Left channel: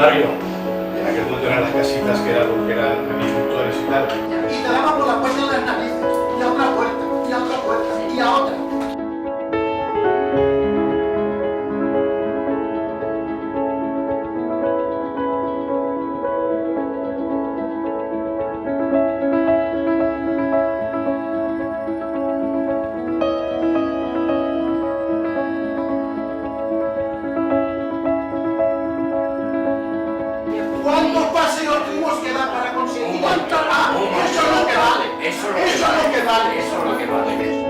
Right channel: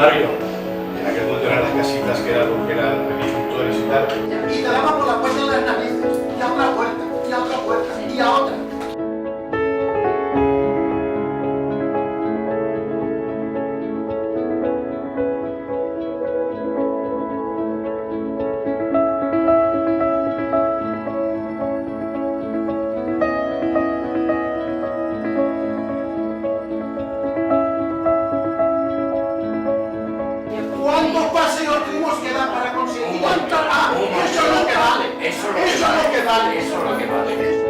barrio. En aquel momento eran las casitas que eran agricultores y tal. Y te daba por la puerta de las narices, y a otra puerta, y a otra puerta, y a otra. ¿Cuántos paseos tuvimos que dar para conseguir? ¿Cuántos? Eso es lo que vale. Eso es lo que vale. Eso es lo que vale.